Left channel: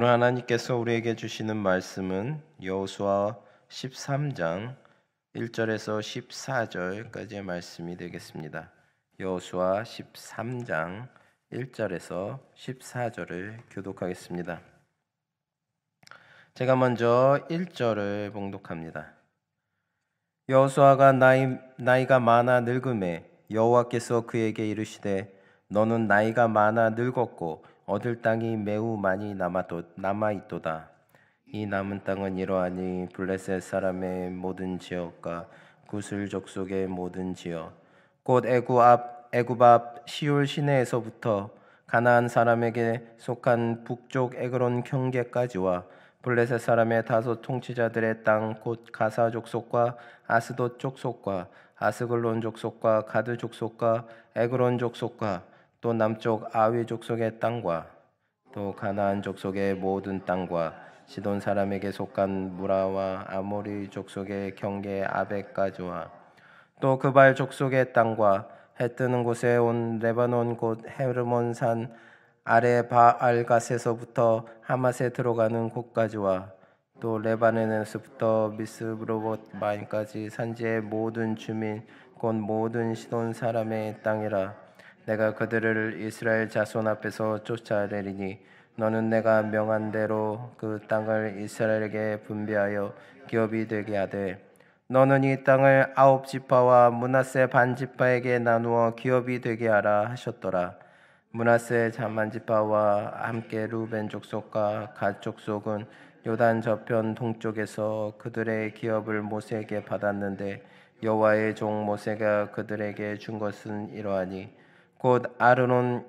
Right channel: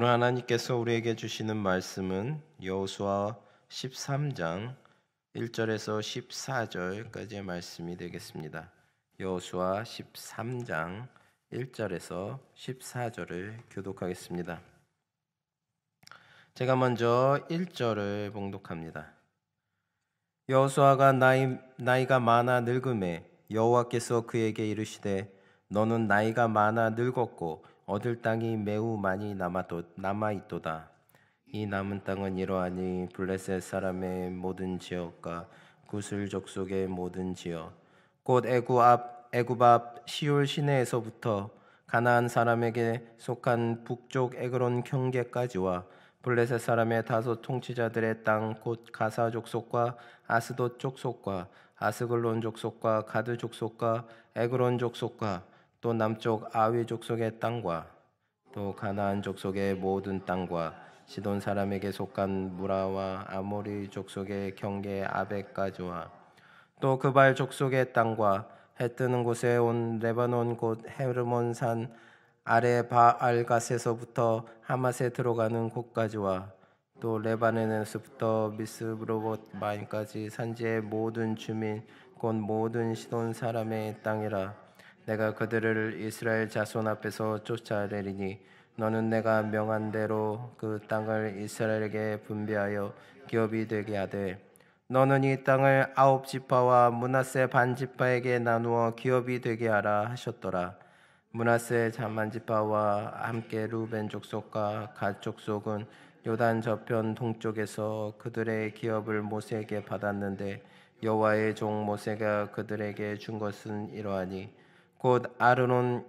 오늘 하나님께서 우리에게 주시는 말씀은 여호수아 13장 1절에서 14절까지의 말씀이 되겠습니다. 여호수아 13장 1절에서 14절을 교독하겠습니다. 제가 먼저 1절을 봉독합니다. 여호수아가 나이가 많아 늙음에 여호와께서 그에게 이르시되 너는 나이가 많아 늙었고 얻을 땅이 매우 많이 남아있도다. 이 남은 땅은 이러하니 블레셋 사람의 모든 지역과 구슬 족속의 모든 지역 곧 애굽 앞 시올 시내에서부터 가나안 사람에게 속한 북쪽 에그론 경계까지와 블레셋 사람의 다섯 통치자들의 땅 곧 가사 족속과 아스돗 족속과 아스글론 족속과 가드 족속과 에그론 족속과 또 남쪽 아위 족속의 땅과 또 가나안 족속의 모든 땅과 시돈 사람에게 속한 무라와 아모리 족속의 경계 아벡까지와 또 그발 족속의 땅과 해 뜨는 곳에 온 레바논 곧 헤르몬산 아래 바알갓에서부터 하맛에 들어가는 곳까지와 또 레바논에서부터 미스브로봇 마인까지 산지의 모든 주민 곧 모든 시돈 사람의 땅이라. 내가 그들을 이스라엘 자손 앞에서 쫓아내리니 너는 내가 명한 대로 그 땅을 이스라엘에게 분배하여 기업이 되게 하되 너는 이 땅을 9지파와 므낫세 반지파에게 나누어 기업이 되게 하라 하셨더라. 므낫세 반지파와 함께 루벤 족속과 갓 족속은 요단 저편 동쪽에서 그들의 기업을 모세에게 받았는데 여호와의 종 모세가 그들에게 준 것은 이러하니 곧 아르논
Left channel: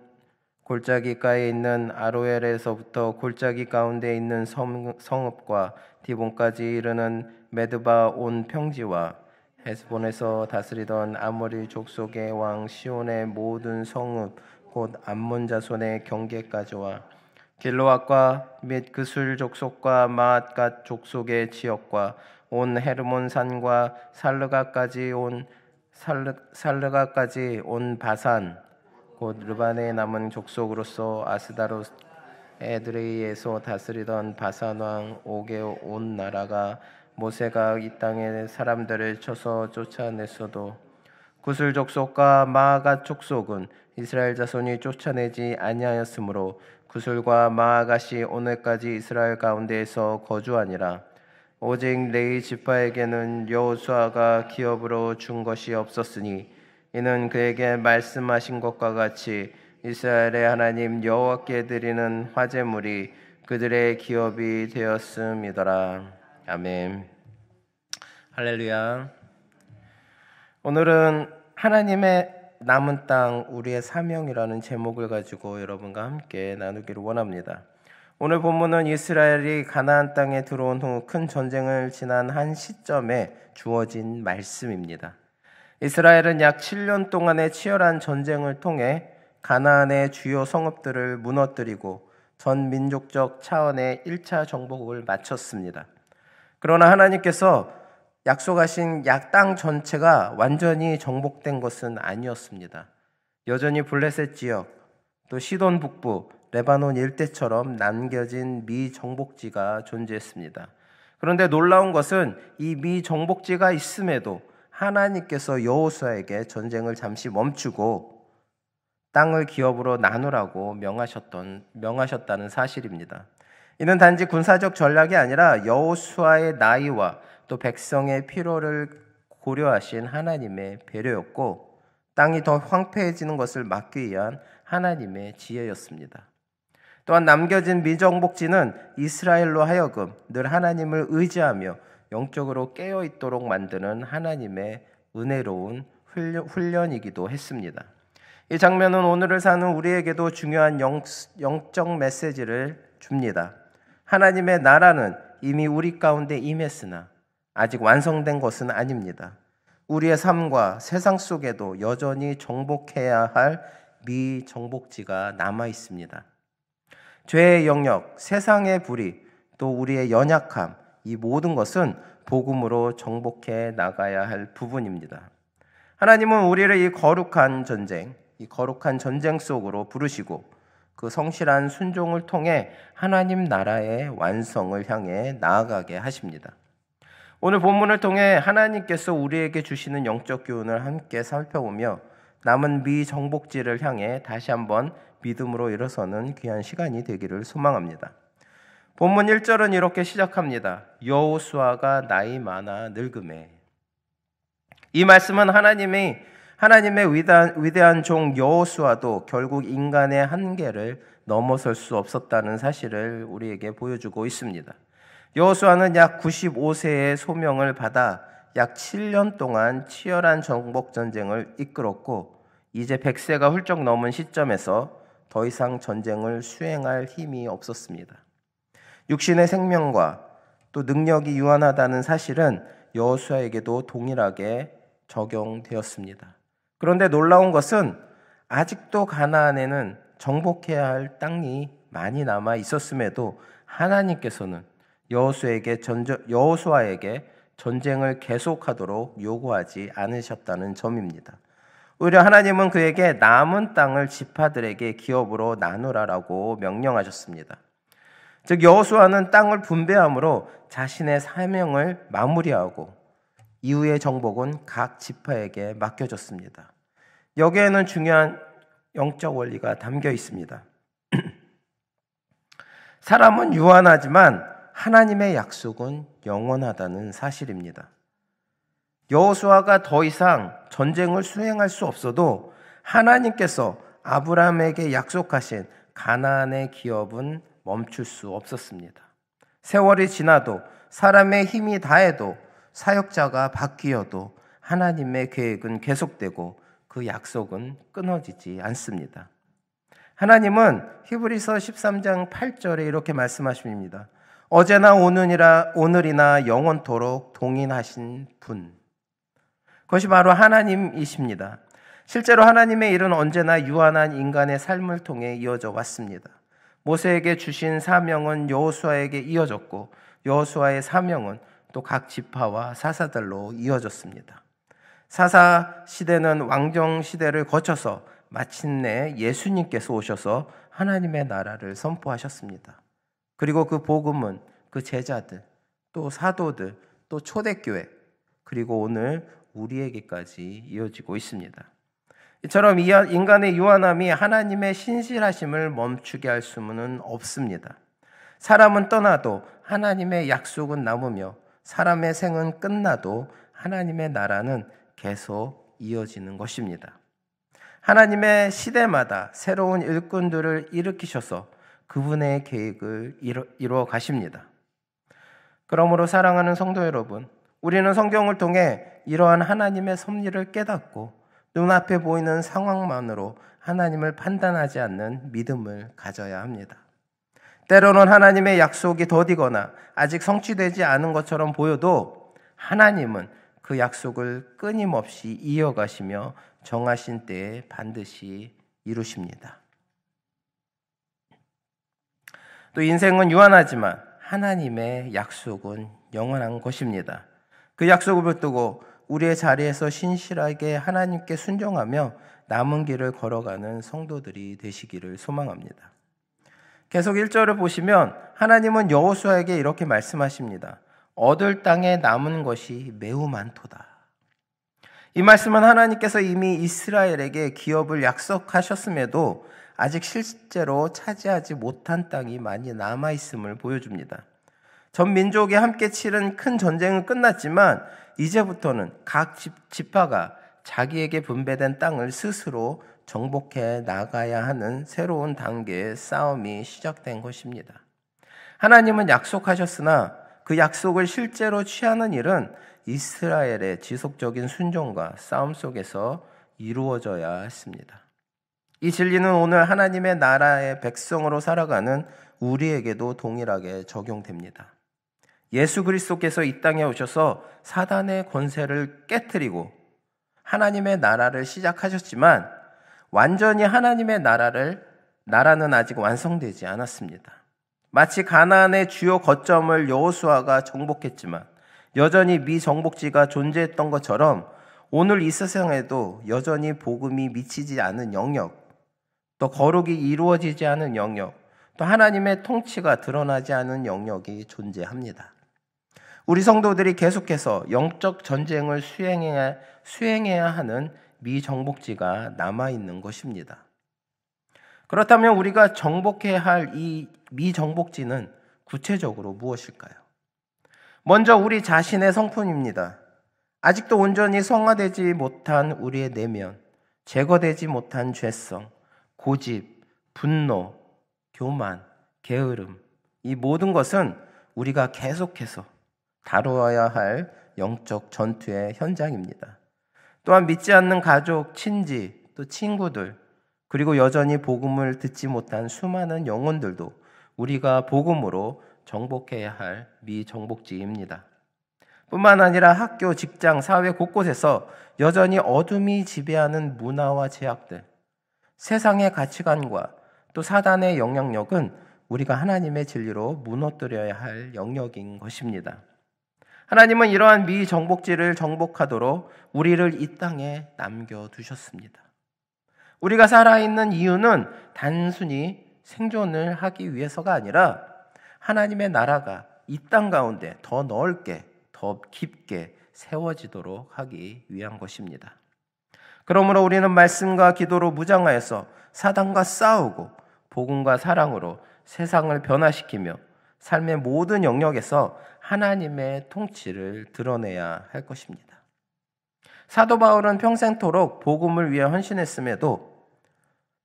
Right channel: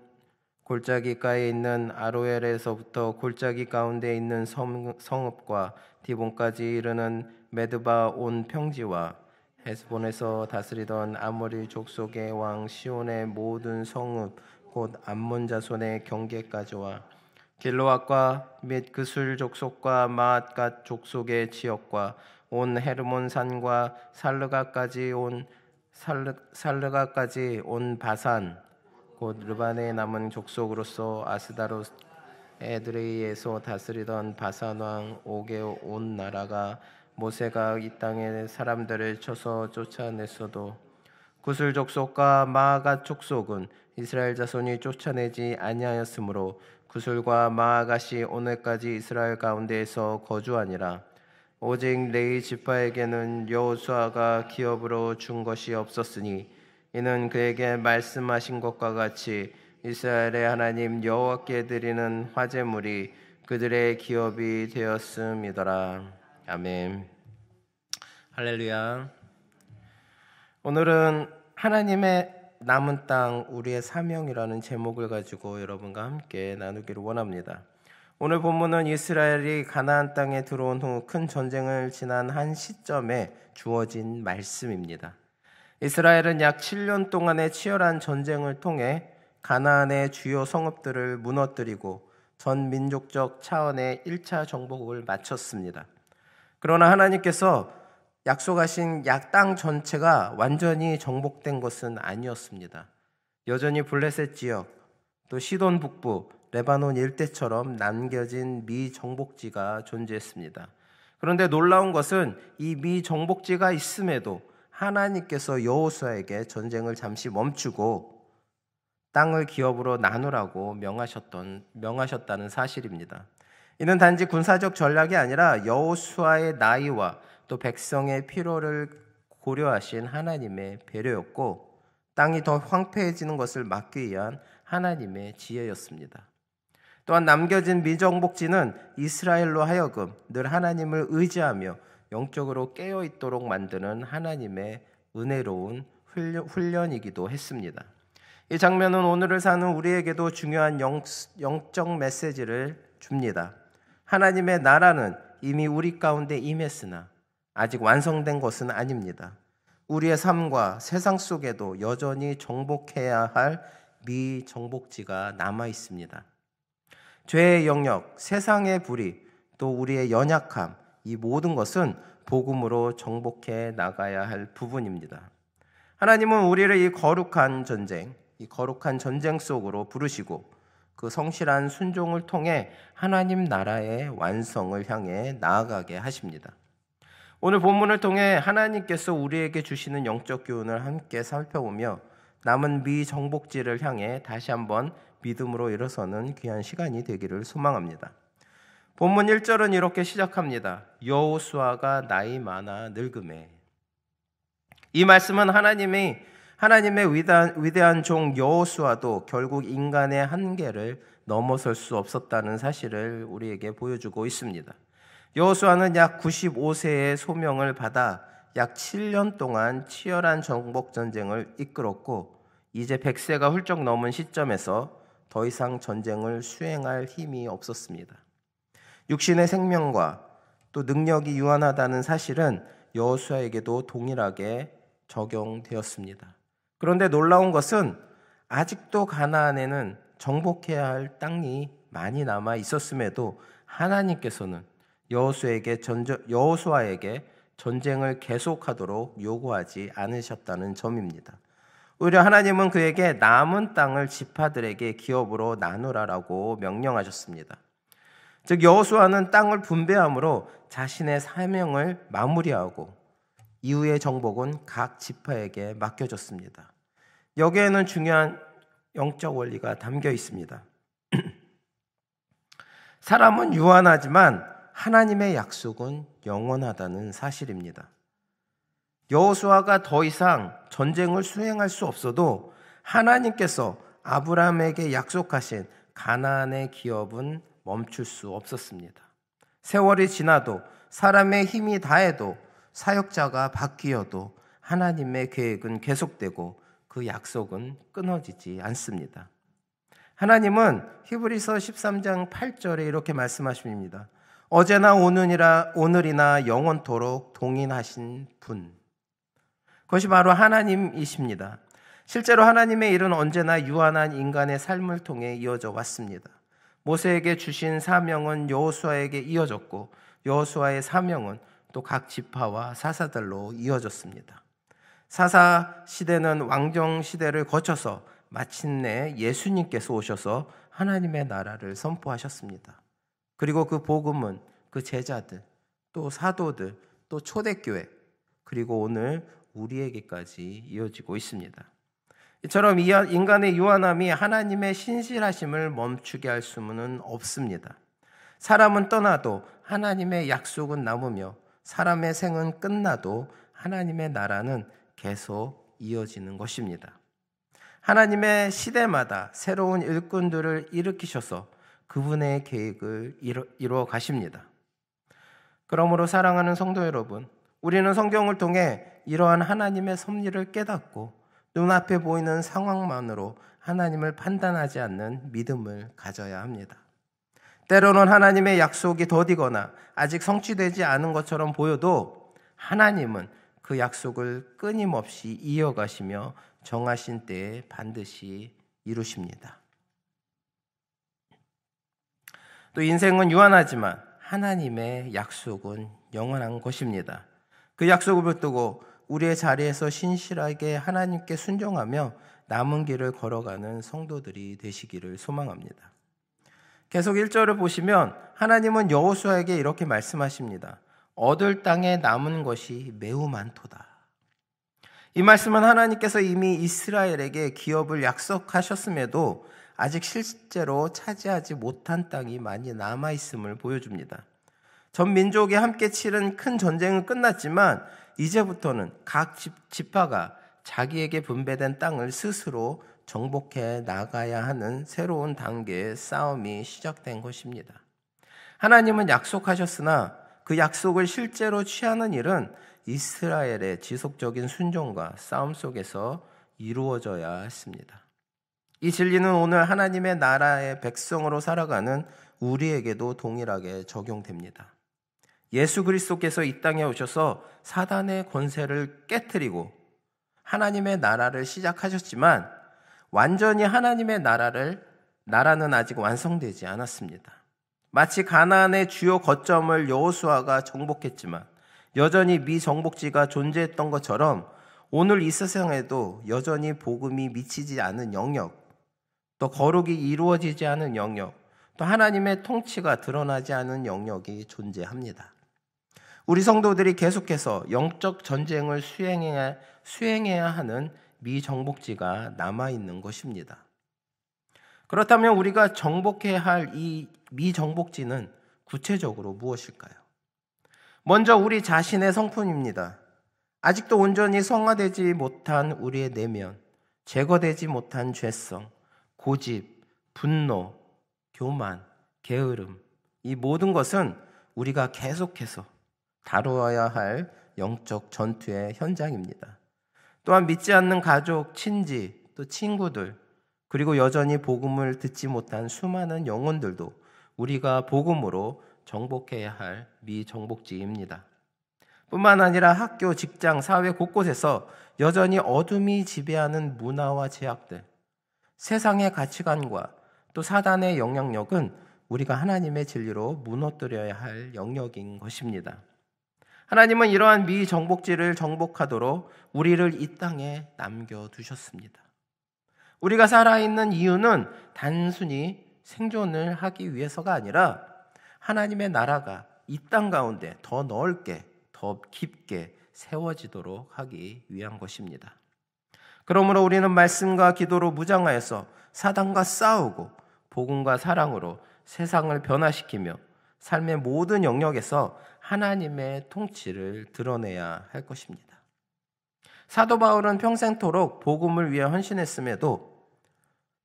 골짜기가에 있는 아로엘에서부터 골짜기 가운데 있는 성읍과 디본까지 이르는 메드바 온 평지와 헤스본에서 다스리던 아모리 족속의 왕 시온의 모든 성읍 곧 암몬 자손의 경계까지와 길로앗과 및 그술 족속과 마앗갓 족속의 지역과 온 헤르몬 산과 살르가까지 온 바산 곧 르반에 남은 족속으로서 아스다롯 에드레이에서 다스리던 바산 왕 옥의 온 나라가 모세가 이 땅의 사람들을 쳐서 쫓아냈어도 구슬 족속과 마아갓 족속은 이스라엘 자손이 쫓아내지 아니하였으므로 구슬과 마아갓이 오늘까지 이스라엘 가운데에서 거주하니라. 오직 레위 지파에게는 여호수아가 기업으로 준 것이 없었으니 이는 그에게 말씀하신 것과 같이 이스라엘의 하나님 여호와께 드리는 화제물이 그들의 기업이 되었음이더라. 아멘. 할렐루야. 오늘은 하나님의 남은 땅 우리의 사명이라는 제목을 가지고 여러분과 함께 나누기를 원합니다. 오늘 본문은 이스라엘이 가나안 땅에 들어온 후 큰 전쟁을 지난 한 시점에 주어진 말씀입니다. 이스라엘은 약 7년 동안의 치열한 전쟁을 통해 가나안의 주요 성읍들을 무너뜨리고 전 민족적 차원의 1차 정복을 마쳤습니다. 그러나 하나님께서 약속하신 땅 전체가 완전히 정복된 것은 아니었습니다. 여전히 블레셋 지역, 또 시돈 북부, 레바논 일대처럼 남겨진 미정복지가 존재했습니다. 그런데 놀라운 것은 이 미정복지가 있음에도 하나님께서 여호수아에게 전쟁을 잠시 멈추고 땅을 기업으로 나누라고 명하셨다는 사실입니다. 이는 단지 군사적 전략이 아니라 여호수아의 나이와 또 백성의 필요를 고려하신 하나님의 배려였고 땅이 더 황폐해지는 것을 막기 위한 하나님의 지혜였습니다. 또한 남겨진 미정복지는 이스라엘로 하여금 늘 하나님을 의지하며 영적으로 깨어있도록 만드는 하나님의 은혜로운 훈련이기도 했습니다. 이 장면은 오늘을 사는 우리에게도 중요한 영적 메시지를 줍니다. 하나님의 나라는 이미 우리 가운데 임했으나 아직 완성된 것은 아닙니다. 우리의 삶과 세상 속에도 여전히 정복해야 할 미정복지가 남아 있습니다. 죄의 영역, 세상의 불의, 또 우리의 연약함, 이 모든 것은 복음으로 정복해 나가야 할 부분입니다. 하나님은 우리를 이 거룩한 전쟁 속으로 부르시고 그 성실한 순종을 통해 하나님 나라의 완성을 향해 나아가게 하십니다. 오늘 본문을 통해 하나님께서 우리에게 주시는 영적 교훈을 함께 살펴보며 남은 미정복지를 향해 다시 한번 믿음으로 일어서는 귀한 시간이 되기를 소망합니다. 본문 1절은 이렇게 시작합니다. 여호수아가 나이 많아 늙음에. 이 말씀은 하나님의 위대한 종 여호수아도 결국 인간의 한계를 넘어설 수 없었다는 사실을 우리에게 보여주고 있습니다. 여호수아는 약 95세의 소명을 받아 약 7년 동안 치열한 정복 전쟁을 이끌었고 이제 100세가 훌쩍 넘은 시점에서 더 이상 전쟁을 수행할 힘이 없었습니다. 육신의 생명과 또 능력이 유한하다는 사실은 여호수아에게도 동일하게 적용되었습니다. 그런데 놀라운 것은 아직도 가나안에는 정복해야 할 땅이 많이 남아 있었음에도 하나님께서는 여호수아에게 전쟁을 계속하도록 요구하지 않으셨다는 점입니다. 오히려 하나님은 그에게 남은 땅을 지파들에게 기업으로 나누라라고 명령하셨습니다. 즉 여호수아는 땅을 분배함으로 자신의 사명을 마무리하고 이후의 정복은 각 지파에게 맡겨졌습니다. 여기에는 중요한 영적 원리가 담겨 있습니다. 사람은 유한하지만 하나님의 약속은 영원하다는 사실입니다. 여호수아가 더 이상 전쟁을 수행할 수 없어도 하나님께서 아브라함에게 약속하신 가나안의 기업은 멈출 수 없었습니다. 세월이 지나도 사람의 힘이 다해도 사역자가 바뀌어도 하나님의 계획은 계속되고 그 약속은 끊어지지 않습니다. 하나님은 히브리서 13장 8절에 이렇게 말씀하십니다. 어제나 오늘이나 영원토록 동일하신 분. 그것이 바로 하나님이십니다. 실제로 하나님의 일은 언제나 유한한 인간의 삶을 통해 이어져 왔습니다. 모세에게 주신 사명은 여호수아에게 이어졌고 여호수아의 사명은 또 각 지파와 사사들로 이어졌습니다. 사사 시대는 왕정 시대를 거쳐서 마침내 예수님께서 오셔서 하나님의 나라를 선포하셨습니다. 그리고 그 복음은 그 제자들, 또 사도들, 또 초대교회, 그리고 오늘 우리에게까지 이어지고 있습니다. 이처럼 인간의 유한함이 하나님의 신실하심을 멈추게 할 수는 없습니다. 사람은 떠나도 하나님의 약속은 남으며 사람의 생은 끝나도 하나님의 나라는 계속 이어지는 것입니다. 하나님의 시대마다 새로운 일꾼들을 일으키셔서 그분의 계획을 이루어 가십니다. 그러므로 사랑하는 성도 여러분, 우리는 성경을 통해 이러한 하나님의 섭리를 깨닫고 눈앞에 보이는 상황만으로 하나님을 판단하지 않는 믿음을 가져야 합니다. 때로는 하나님의 약속이 더디거나 아직 성취되지 않은 것처럼 보여도 하나님은 그 약속을 끊임없이 이어가시며 정하신 때에 반드시 이루십니다. 또 인생은 유한하지만 하나님의 약속은 영원한 것입니다. 그 약속을 붙들고 우리의 자리에서 신실하게 하나님께 순종하며 남은 길을 걸어가는 성도들이 되시기를 소망합니다. 계속 1절을 보시면 하나님은 여호수아에게 이렇게 말씀하십니다. 얻을 땅에 남은 것이 매우 많도다. 이 말씀은 하나님께서 이미 이스라엘에게 기업을 약속하셨음에도 아직 실제로 차지하지 못한 땅이 많이 남아있음을 보여줍니다. 전 민족이 함께 치른 큰 전쟁은 끝났지만 이제부터는 각 지파가 자기에게 분배된 땅을 스스로 정복해 나가야 하는 새로운 단계의 싸움이 시작된 것입니다. 하나님은 약속하셨으나 그 약속을 실제로 취하는 일은 이스라엘의 지속적인 순종과 싸움 속에서 이루어져야 했습니다. 이 진리는 오늘 하나님의 나라의 백성으로 살아가는 우리에게도 동일하게 적용됩니다. 예수 그리스도께서 이 땅에 오셔서 사단의 권세를 깨트리고 하나님의 나라를 시작하셨지만 완전히 하나님의 나라는 아직 완성되지 않았습니다. 마치 가나안의 주요 거점을 여호수아가 정복했지만 여전히 미정복지가 존재했던 것처럼 오늘 이 세상에도 여전히 복음이 미치지 않은 영역, 또 거룩이 이루어지지 않은 영역, 또 하나님의 통치가 드러나지 않은 영역이 존재합니다. 우리 성도들이 계속해서 영적 전쟁을 수행해야 하는 미정복지가 남아있는 것입니다. 그렇다면 우리가 정복해야 할 이 미정복지는 구체적으로 무엇일까요? 먼저 우리 자신의 성품입니다. 아직도 온전히 성화되지 못한 우리의 내면, 제거되지 못한 죄성, 고집, 분노, 교만, 게으름, 이 모든 것은 우리가 계속해서 다루어야 할 영적 전투의 현장입니다. 또한 믿지 않는 가족, 친지, 또 친구들, 그리고 여전히 복음을 듣지 못한 수많은 영혼들도 우리가 복음으로 정복해야 할 미정복지입니다. 뿐만 아니라 학교, 직장, 사회 곳곳에서 여전히 어둠이 지배하는 문화와 제약들, 세상의 가치관과 또 사단의 영향력은 우리가 하나님의 진리로 무너뜨려야 할 영역인 것입니다. 하나님은 이러한 미정복지를 정복하도록 우리를 이 땅에 남겨두셨습니다. 우리가 살아있는 이유는 단순히 생존을 하기 위해서가 아니라 하나님의 나라가 이 땅 가운데 더 넓게, 더 깊게 세워지도록 하기 위한 것입니다. 그러므로 우리는 말씀과 기도로 무장하여서 사단과 싸우고 복음과 사랑으로 세상을 변화시키며 삶의 모든 영역에서 하나님의 통치를 드러내야 할 것입니다. 사도 바울은 평생토록 복음을 위해 헌신했음에도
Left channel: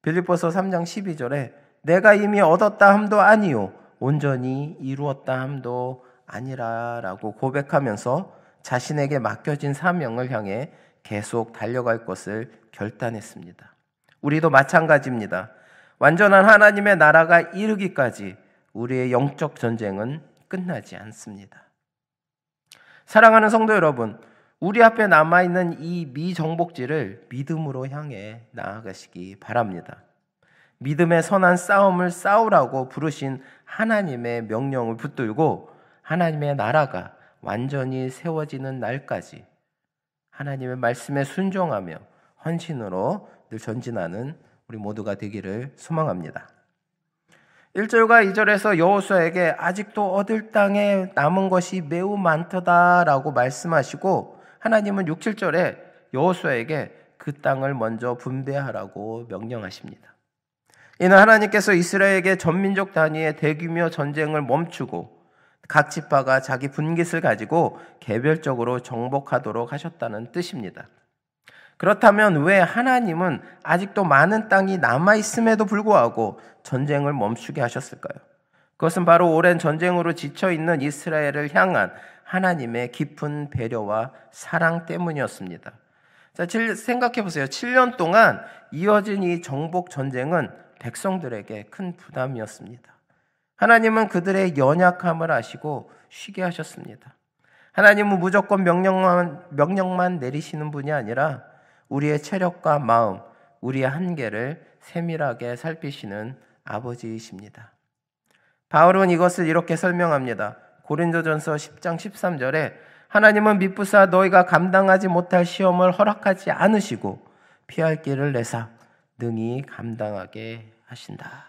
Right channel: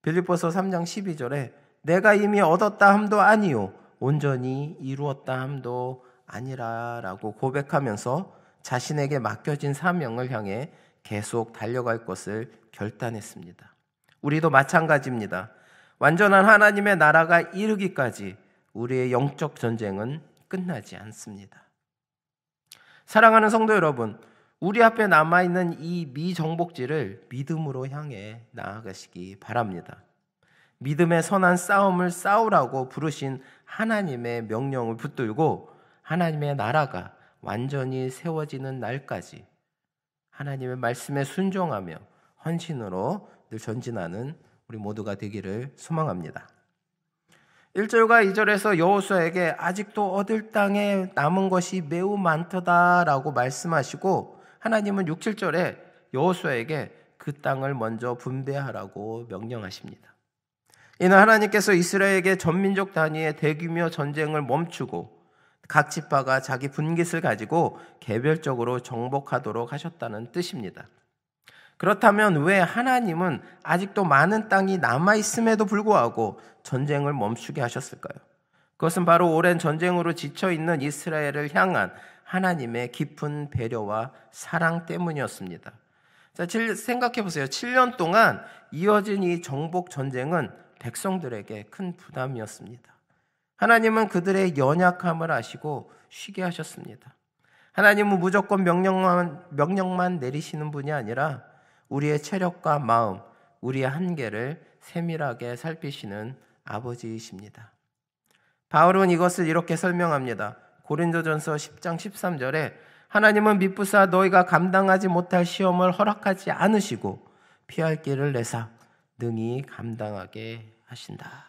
빌립보서 3장 12절에 내가 이미 얻었다 함도 아니요 온전히 이루었다 함도 아니라라고 고백하면서 자신에게 맡겨진 사명을 향해 계속 달려갈 것을 결단했습니다. 우리도 마찬가지입니다. 완전한 하나님의 나라가 이르기까지 우리의 영적 전쟁은 끝나지 않습니다. 사랑하는 성도 여러분, 우리 앞에 남아있는 이 미정복지를 믿음으로 향해 나아가시기 바랍니다. 믿음의 선한 싸움을 싸우라고 부르신 하나님의 명령을 붙들고 하나님의 나라가 완전히 세워지는 날까지 하나님의 말씀에 순종하며 헌신으로 늘 전진하는 우리 모두가 되기를 소망합니다. 1절과 2절에서 여호수아에게 아직도 얻을 땅에 남은 것이 매우 많다라고 말씀하시고 하나님은 6, 7절에 여호수아에게 그 땅을 먼저 분배하라고 명령하십니다. 이는 하나님께서 이스라엘에게 전민족 단위의 대규모 전쟁을 멈추고 각 지파가 자기 분깃을 가지고 개별적으로 정복하도록 하셨다는 뜻입니다. 그렇다면 왜 하나님은 아직도 많은 땅이 남아있음에도 불구하고 전쟁을 멈추게 하셨을까요? 그것은 바로 오랜 전쟁으로 지쳐있는 이스라엘을 향한 하나님의 깊은 배려와 사랑 때문이었습니다. 자, 생각해 보세요. 7년 동안 이어진 이 정복 전쟁은 백성들에게 큰 부담이었습니다. 하나님은 그들의 연약함을 아시고 쉬게 하셨습니다. 하나님은 무조건 명령만 내리시는 분이 아니라 우리의 체력과 마음, 우리의 한계를 세밀하게 살피시는 아버지이십니다. 바울은 이것을 이렇게 설명합니다. 고린도전서 10장 13절에 하나님은 미쁘사 너희가 감당하지 못할 시험을 허락하지 않으시고 피할 길을 내사 능히 감당하게 하신다.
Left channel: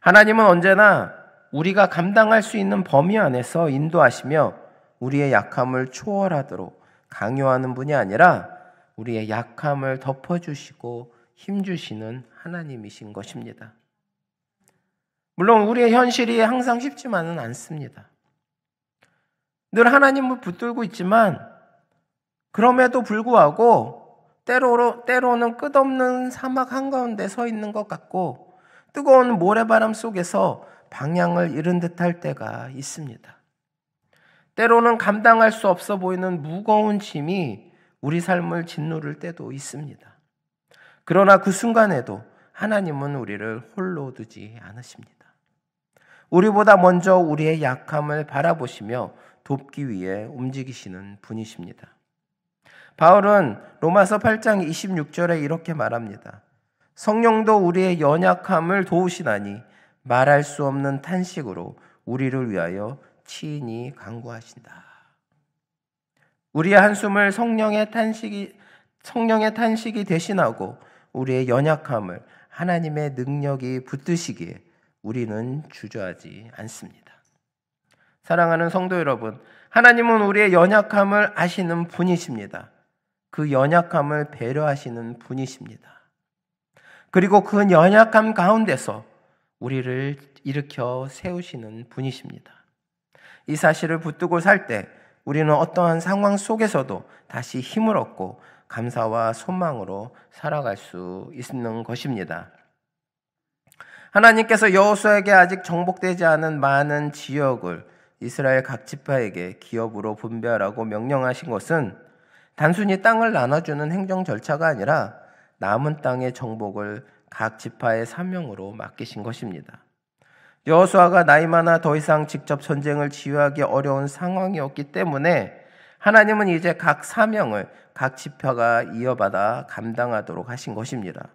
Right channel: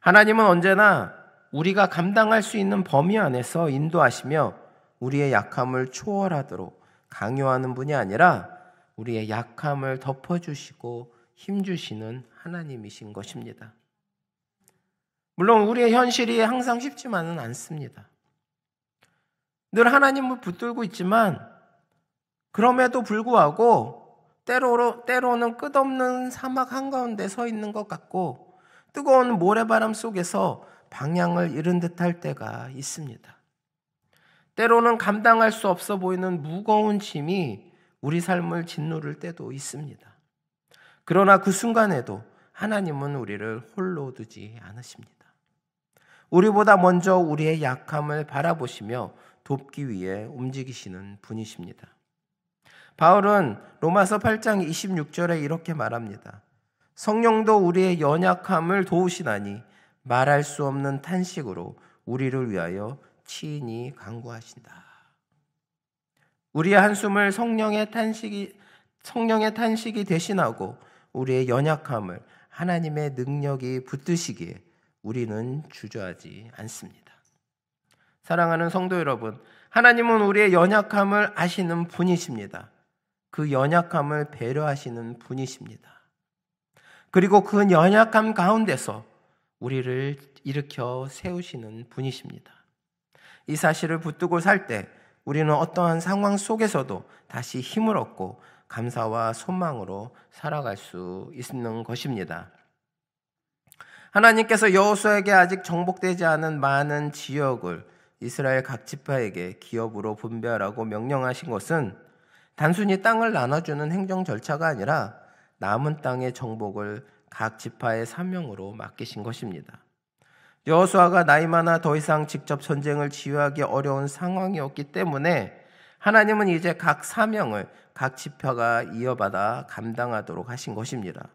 하나님은 언제나 우리가 감당할 수 있는 범위 안에서 인도하시며 우리의 약함을 초월하도록 강요하는 분이 아니라 우리의 약함을 덮어주시고 힘주시는 하나님이신 것입니다. 물론 우리의 현실이 항상 쉽지만은 않습니다. 늘 하나님을 붙들고 있지만 그럼에도 불구하고 때로는 끝없는 사막 한가운데 서 있는 것 같고 뜨거운 모래바람 속에서 방향을 잃은 듯할 때가 있습니다. 때로는 감당할 수 없어 보이는 무거운 짐이 우리 삶을 짓누를 때도 있습니다. 그러나 그 순간에도 하나님은 우리를 홀로 두지 않으십니다. 우리보다 먼저 우리의 약함을 바라보시며 돕기 위해 움직이시는 분이십니다. 바울은 로마서 8장 26절에 이렇게 말합니다. 성령도 우리의 연약함을 도우시나니 말할 수 없는 탄식으로 우리를 위하여 친히 간구하신다. 우리의 한숨을 성령의 탄식이 대신하고 우리의 연약함을 하나님의 능력이 붙드시기에 우리는 주저하지 않습니다. 사랑하는 성도 여러분, 하나님은 우리의 연약함을 아시는 분이십니다. 그 연약함을 배려하시는 분이십니다. 그리고 그 연약함 가운데서 우리를 일으켜 세우시는 분이십니다. 이 사실을 붙들고 살 때 우리는 어떠한 상황 속에서도 다시 힘을 얻고 감사와 소망으로 살아갈 수 있는 것입니다. 하나님께서 여호수아에게 아직 정복되지 않은 많은 지역을 이스라엘 각 지파에게 기업으로 분배하라고 명령하신 것은 단순히 땅을 나눠주는 행정 절차가 아니라 남은 땅의 정복을 각 지파의 사명으로 맡기신 것입니다. 여호수아가 나이 많아 더 이상 직접 전쟁을 지휘하기 어려운 상황이었기 때문에 하나님은 이제 각 사명을 각 지파가 이어받아 감당하도록 하신 것입니다.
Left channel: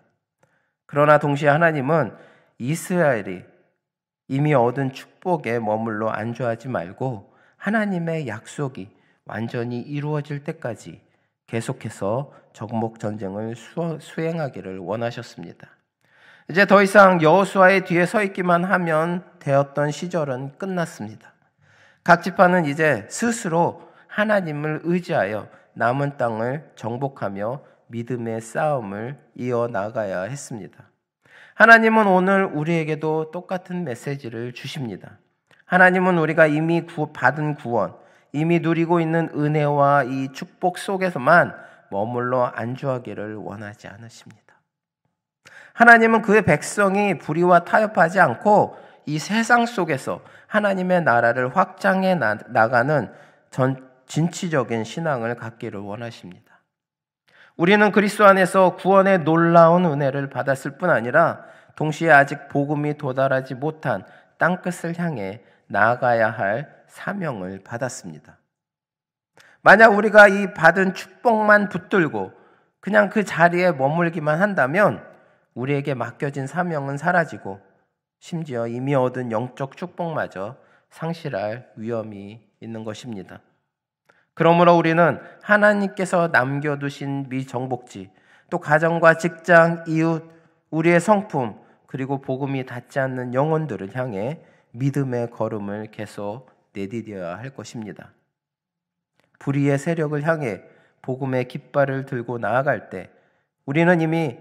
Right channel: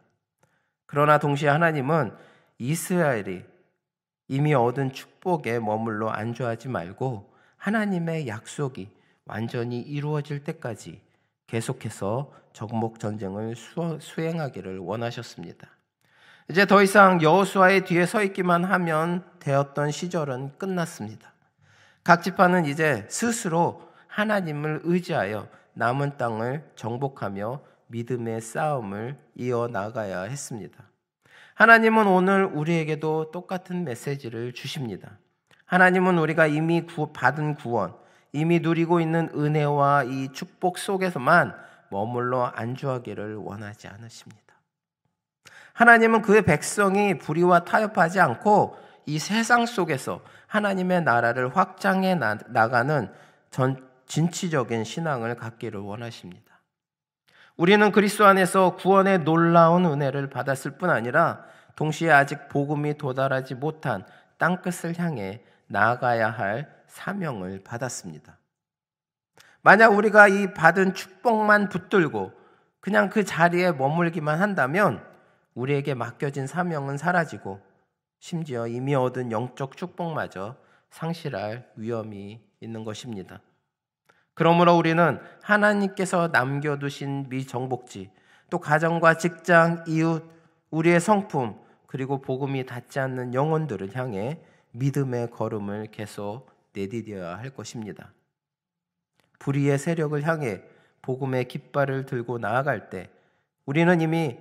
그러나 동시에 하나님은 이스라엘이 이미 얻은 축복에 머물러 안주하지 말고 하나님의 약속이 완전히 이루어질 때까지 계속해서 정복 전쟁을 수행하기를 원하셨습니다. 이제 더 이상 여호수아의 뒤에 서 있기만 하면 되었던 시절은 끝났습니다. 각 지파는 이제 스스로 하나님을 의지하여 남은 땅을 정복하며 믿음의 싸움을 이어나가야 했습니다. 하나님은 오늘 우리에게도 똑같은 메시지를 주십니다. 하나님은 우리가 이미 받은 구원, 이미 누리고 있는 은혜와 이 축복 속에서만 머물러 안주하기를 원하지 않으십니다. 하나님은 그의 백성이 불의와 타협하지 않고 이 세상 속에서 하나님의 나라를 확장해 나가는 진취적인 신앙을 갖기를 원하십니다. 우리는 그리스도 안에서 구원의 놀라운 은혜를 받았을 뿐 아니라 동시에 아직 복음이 도달하지 못한 땅끝을 향해 나아가야 할 사명을 받았습니다. 만약 우리가 이 받은 축복만 붙들고 그냥 그 자리에 머물기만 한다면 우리에게 맡겨진 사명은 사라지고 심지어 이미 얻은 영적 축복마저 상실할 위험이 있는 것입니다. 그러므로 우리는 하나님께서 남겨두신 미정복지, 또 가정과 직장, 이웃, 우리의 성품, 그리고 복음이 닿지 않는 영혼들을 향해 믿음의 걸음을 계속 내디뎌야 할 것입니다. 불의의 세력을 향해 복음의 깃발을 들고 나아갈 때 우리는 이미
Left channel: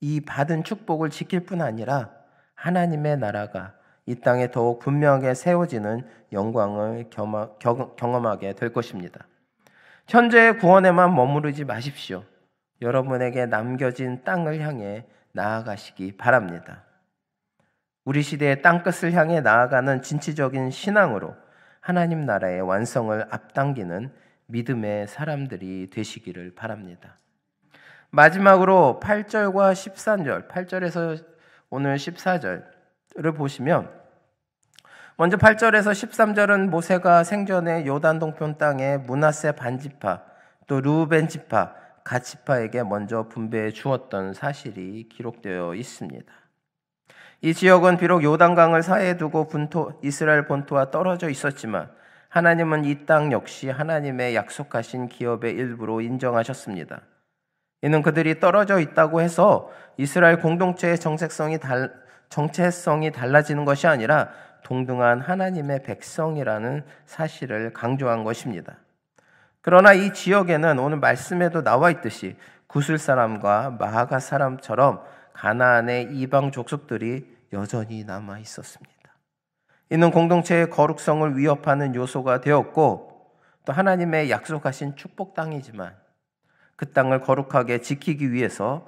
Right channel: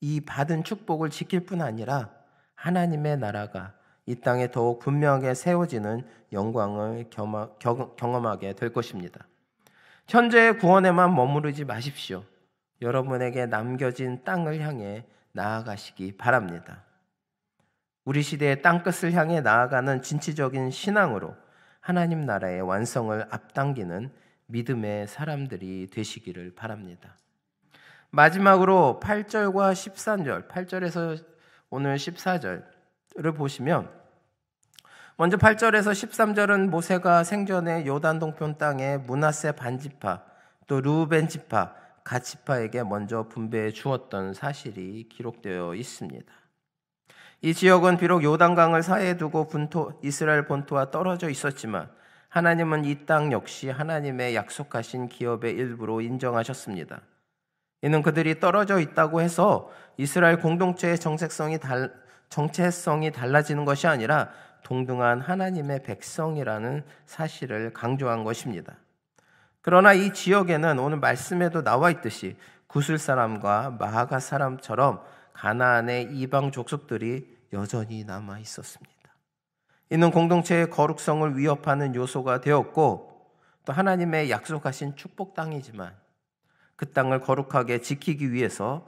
이 받은 축복을 지킬 뿐 아니라 하나님의 나라가 이 땅에 더욱 분명하게 세워지는 영광을 경험하게 될 것입니다. 현재의 구원에만 머무르지 마십시오. 여러분에게 남겨진 땅을 향해 나아가시기 바랍니다. 우리 시대의 땅끝을 향해 나아가는 진취적인 신앙으로 하나님 나라의 완성을 앞당기는 믿음의 사람들이 되시기를 바랍니다. 마지막으로 8절과 13절, 8절에서 오늘 14절을 보시면 먼저 8절에서 13절은 모세가 생전에 요단 동편 땅에 므낫세 반지파, 또 르우벤 지파, 갓 지파에게 먼저 분배해 주었던 사실이 기록되어 있습니다. 이 지역은 비록 요단강을 사이에 두고 이스라엘 본토와 떨어져 있었지만 하나님은 이 땅 역시 하나님의 약속하신 기업의 일부로 인정하셨습니다. 이는 그들이 떨어져 있다고 해서 이스라엘 공동체의 정체성이 달라지는 것이 아니라 동등한 하나님의 백성이라는 사실을 강조한 것입니다. 그러나 이 지역에는 오늘 말씀에도 나와 있듯이 구슬 사람과 마하가 사람처럼 가나안의 이방 족속들이 여전히 남아 있었습니다. 이는 공동체의 거룩성을 위협하는 요소가 되었고 또 하나님의 약속하신 축복 땅이지만 그 땅을 거룩하게 지키기 위해서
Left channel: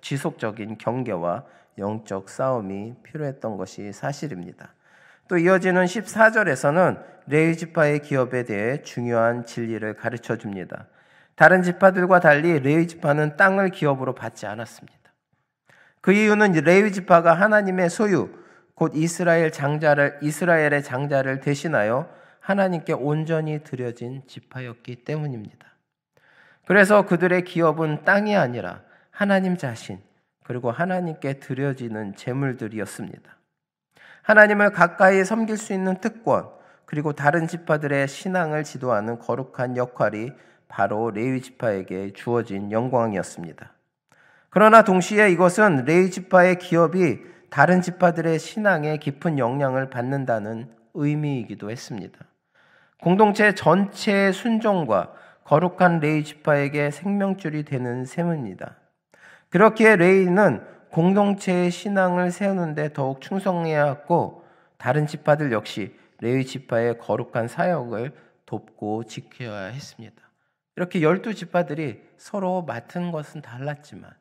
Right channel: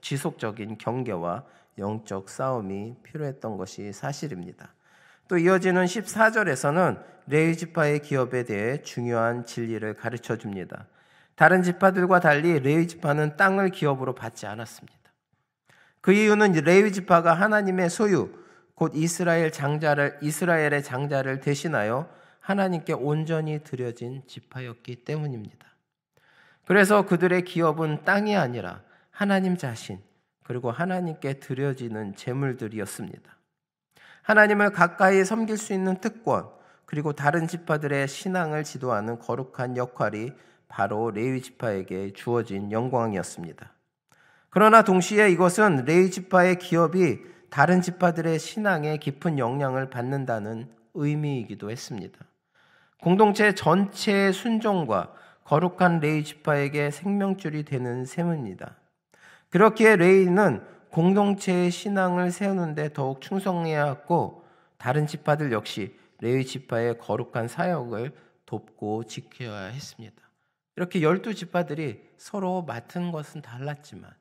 지속적인 경계와 영적 싸움이 필요했던 것이 사실입니다. 또 이어지는 14절에서는 레위 지파의 기업에 대해 중요한 진리를 가르쳐 줍니다. 다른 지파들과 달리 레위 지파는 땅을 기업으로 받지 않았습니다. 그 이유는 레위 지파가 하나님의 소유, 곧 이스라엘의 장자를 대신하여 하나님께 온전히 드려진 지파였기 때문입니다. 그래서 그들의 기업은 땅이 아니라 하나님 자신, 그리고 하나님께 드려지는 제물들이었습니다. 하나님을 가까이 섬길 수 있는 특권, 그리고 다른 지파들의 신앙을 지도하는 거룩한 역할이 바로 레위 지파에게 주어진 영광이었습니다. 그러나 동시에 이것은 레위 지파의 기업이 다른 지파들의 신앙에 깊은 영향을 받는다는 의미이기도 했습니다. 공동체 전체의 순종과 거룩한 레위 지파에게 생명줄이 되는 셈입니다. 그렇기에 레위는 공동체의 신앙을 세우는 데 더욱 충성해야 했고 다른 지파들 역시 레위 지파의 거룩한 사역을 돕고 지켜야 했습니다. 이렇게 12지파들이 서로 맡은 것은 달랐지만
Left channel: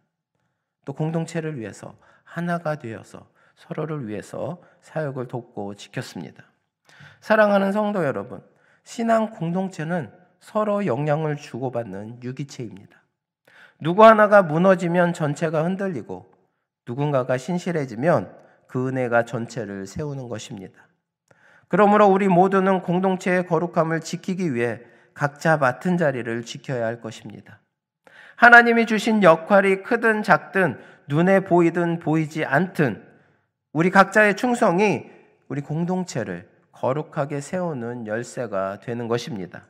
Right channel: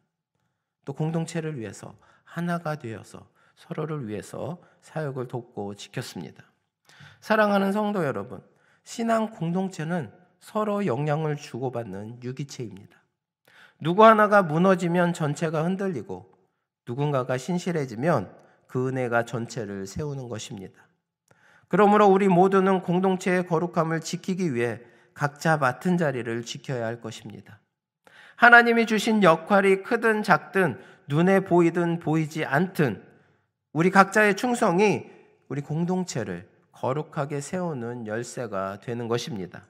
또 공동체를 위해서 하나가 되어서 서로를 위해서 사역을 돕고 지켰습니다. 사랑하는 성도 여러분, 신앙 공동체는 서로 영향을 주고받는 유기체입니다. 누구 하나가 무너지면 전체가 흔들리고 누군가가 신실해지면 그 은혜가 전체를 세우는 것입니다. 그러므로 우리 모두는 공동체의 거룩함을 지키기 위해 각자 맡은 자리를 지켜야 할 것입니다. 하나님이 주신 역할이 크든 작든 눈에 보이든 보이지 않든 우리 각자의 충성이 우리 공동체를 거룩하게 세우는 열쇠가 되는 것입니다.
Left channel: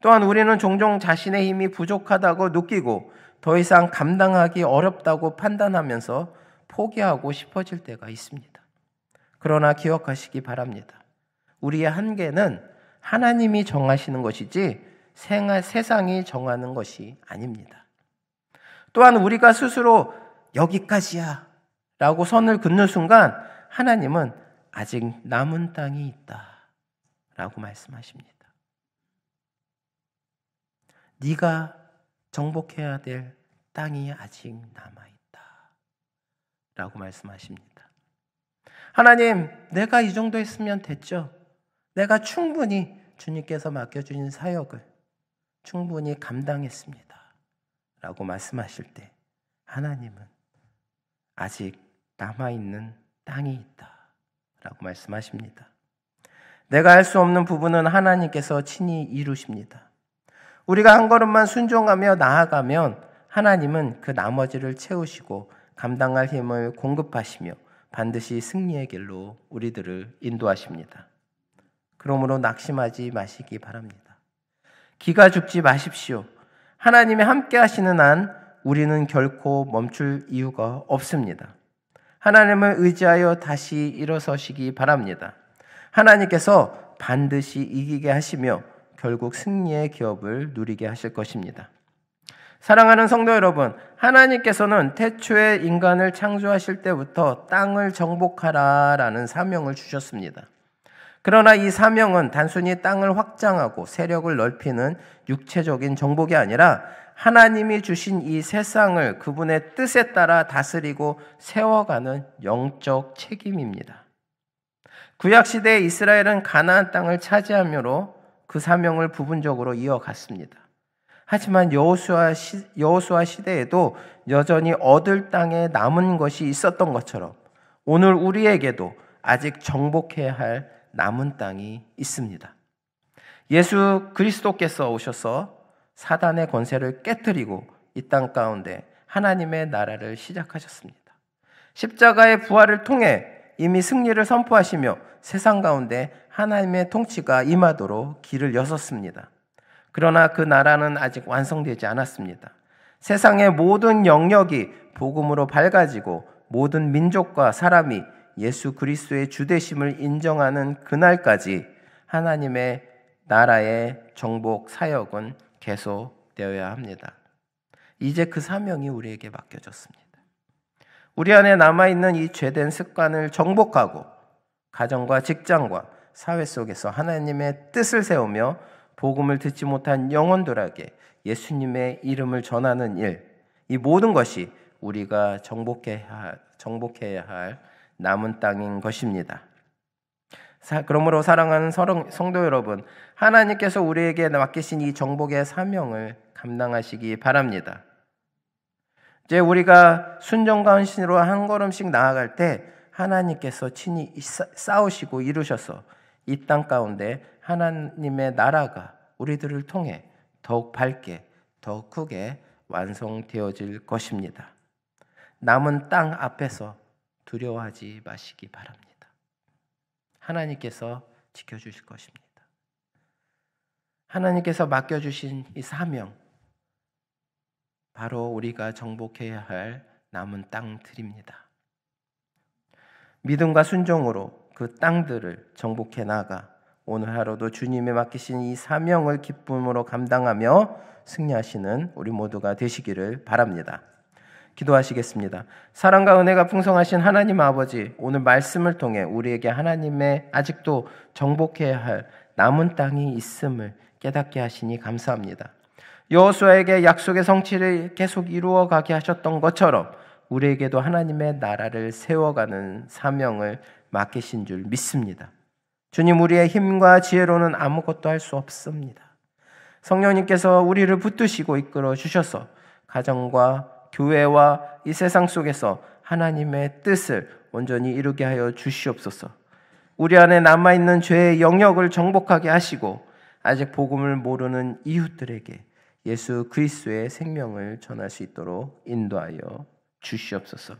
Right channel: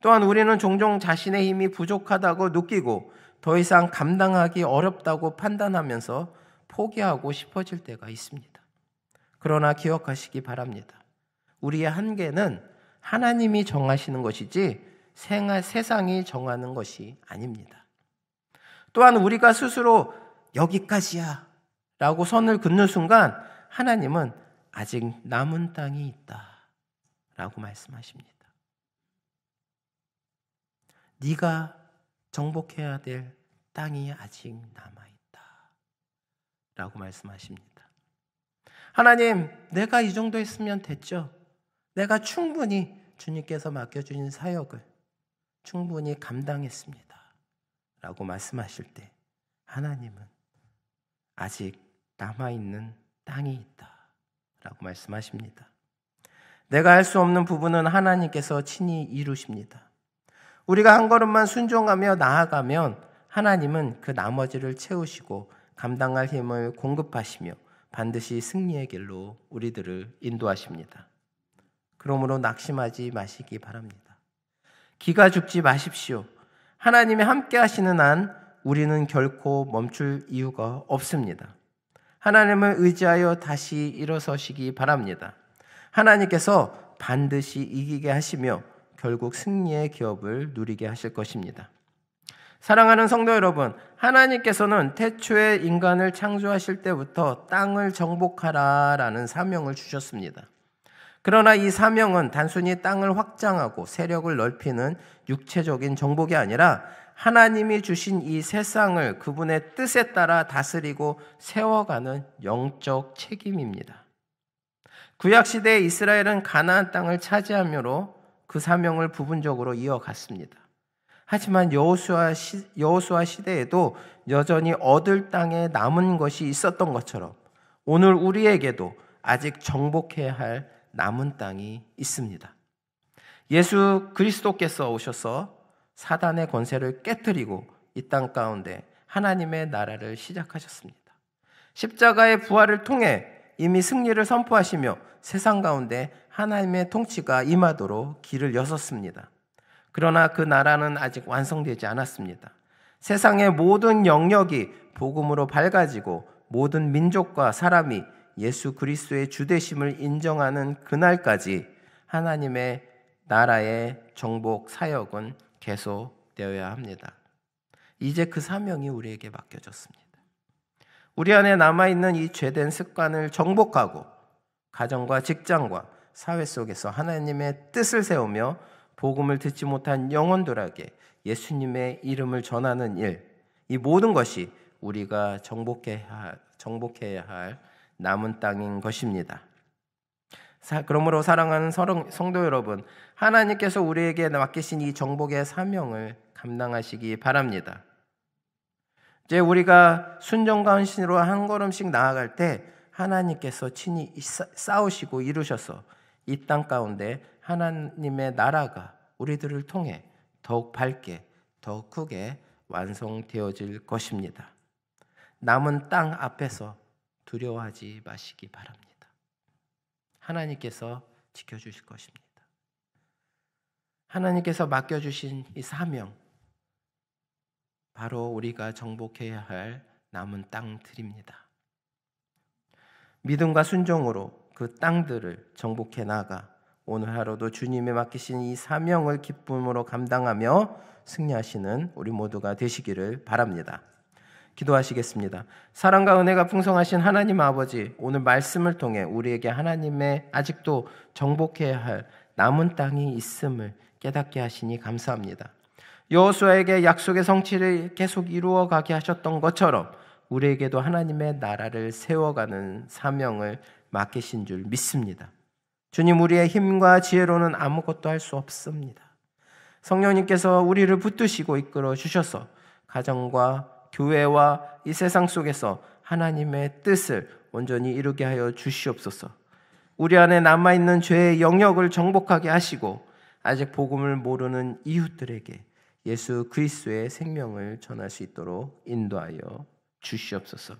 또한 우리는 종종 자신의 힘이 부족하다고 느끼고 더 이상 감당하기 어렵다고 판단하면서 포기하고 싶어질 때가 있습니다. 그러나 기억하시기 바랍니다. 우리의 한계는 하나님이 정하시는 것이지 세상이 정하는 것이 아닙니다. 또한 우리가 스스로 여기까지야 라고 선을 긋는 순간 하나님은 아직 남은 땅이 있다 라고 말씀하십니다. 네가 정복해야 될 땅이 아직 남아있다 라고 말씀하십니다. 하나님, 내가 이 정도 했으면 됐죠. 내가 충분히 주님께서 맡겨주신 사역을 충분히 감당했습니다 라고 말씀하실 때 하나님은 아직 남아있는 땅이 있다 라고 말씀하십니다. 내가 할 수 없는 부분은 하나님께서 친히 이루십니다. 우리가 한 걸음만 순종하며 나아가면 하나님은 그 나머지를 채우시고 감당할 힘을 공급하시며 반드시 승리의 길로 우리들을 인도하십니다. 그러므로 낙심하지 마시기 바랍니다. 기가 죽지 마십시오. 하나님이 함께 하시는 한 우리는 결코 멈출 이유가 없습니다. 하나님을 의지하여 다시 일어서시기 바랍니다. 하나님께서 반드시 이기게 하시며 결국 승리의 기업을 누리게 하실 것입니다. 사랑하는 성도 여러분, 하나님께서는 태초에 인간을 창조하실 때부터 땅을 정복하라라는 사명을 주셨습니다. 그러나 이 사명은 단순히 땅을 확장하고 세력을 넓히는 육체적인 정복이 아니라 하나님이 주신 이 세상을 그분의 뜻에 따라 다스리고 세워가는 영적 책임입니다. 구약시대에 이스라엘은 가나안 땅을 차지하므로 그 사명을 부분적으로 이어갔습니다. 하지만 여호수아 시대에도 여전히 얻을 땅에 남은 것이 있었던 것처럼 오늘 우리에게도 아직 정복해야 할 남은 땅이 있습니다. 예수 그리스도께서 오셔서 사단의 권세를 깨뜨리고 이 땅 가운데 하나님의 나라를 시작하셨습니다. 십자가의 부활을 통해 이미 승리를 선포하시며 세상 가운데 하나님의 통치가 임하도록 길을 여섰습니다. 그러나 그 나라는 아직 완성되지 않았습니다. 세상의 모든 영역이 복음으로 밝아지고 모든 민족과 사람이 예수 그리스도의 주되심을 인정하는 그날까지 하나님의 나라의 정복 사역은 계속되어야 합니다. 이제 그 사명이 우리에게 맡겨졌습니다. 우리 안에 남아있는 이 죄된 습관을 정복하고 가정과 직장과 사회 속에서 하나님의 뜻을 세우며 복음을 듣지 못한 영혼들에게 예수님의 이름을 전하는 일, 이 모든 것이 우리가 정복해야 할 남은 땅인 것입니다. 그러므로 사랑하는 성도 여러분, 하나님께서 우리에게 맡기신 이 정복의 사명을 감당하시기 바랍니다. 이제 우리가 순종과 헌신으로 한 걸음씩 나아갈 때 하나님께서 친히 싸우시고 이루셔서 이 땅 가운데 하나님의 나라가 우리들을 통해 더욱 밝게, 더욱 크게 완성되어질 것입니다. 남은 땅 앞에서 두려워하지 마시기 바랍니다. 하나님께서 지켜주실 것입니다. 하나님께서 맡겨주신 이 사명, 바로 우리가 정복해야 할 남은 땅들입니다. 믿음과 순종으로 그 땅들을 정복해 나가 오늘 하루도 주님이 맡기신 이 사명을 기쁨으로 감당하며 승리하시는 우리 모두가 되시기를 바랍니다. 기도하시겠습니다. 사랑과 은혜가 풍성하신 하나님 아버지, 오늘 말씀을 통해 우리에게 하나님의 아직도 정복해야 할 남은 땅이 있음을 깨닫게 하시니 감사합니다. 여호수아에게 약속의 성취를 계속 이루어가게 하셨던 것처럼 우리에게도 하나님의 나라를 세워가는 사명을 맡기신 줄 믿습니다. 주님, 우리의 힘과 지혜로는 아무것도 할 수 없습니다. 성령님께서 우리를 붙드시고 이끌어 주셔서 가정과 교회와 이 세상 속에서 하나님의 뜻을 온전히 이루게 하여 주시옵소서. 우리 안에 남아있는 죄의 영역을 정복하게 하시고 아직 복음을 모르는 이웃들에게 예수 그리스도의 생명을 전할 수 있도록 인도하여 주시옵소서.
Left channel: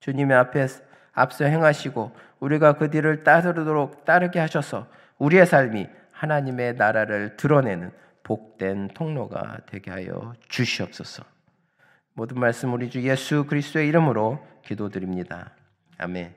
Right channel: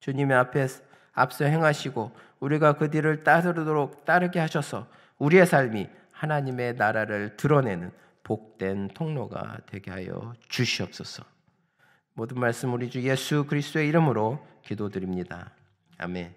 주님의 앞에 앞서 행하시고 우리가 그 뒤를 따르게 하셔서 우리의 삶이 하나님의 나라를 드러내는 복된 통로가 되게 하여 주시옵소서. 모든 말씀 우리 주 예수 그리스도의 이름으로 기도드립니다. 아멘.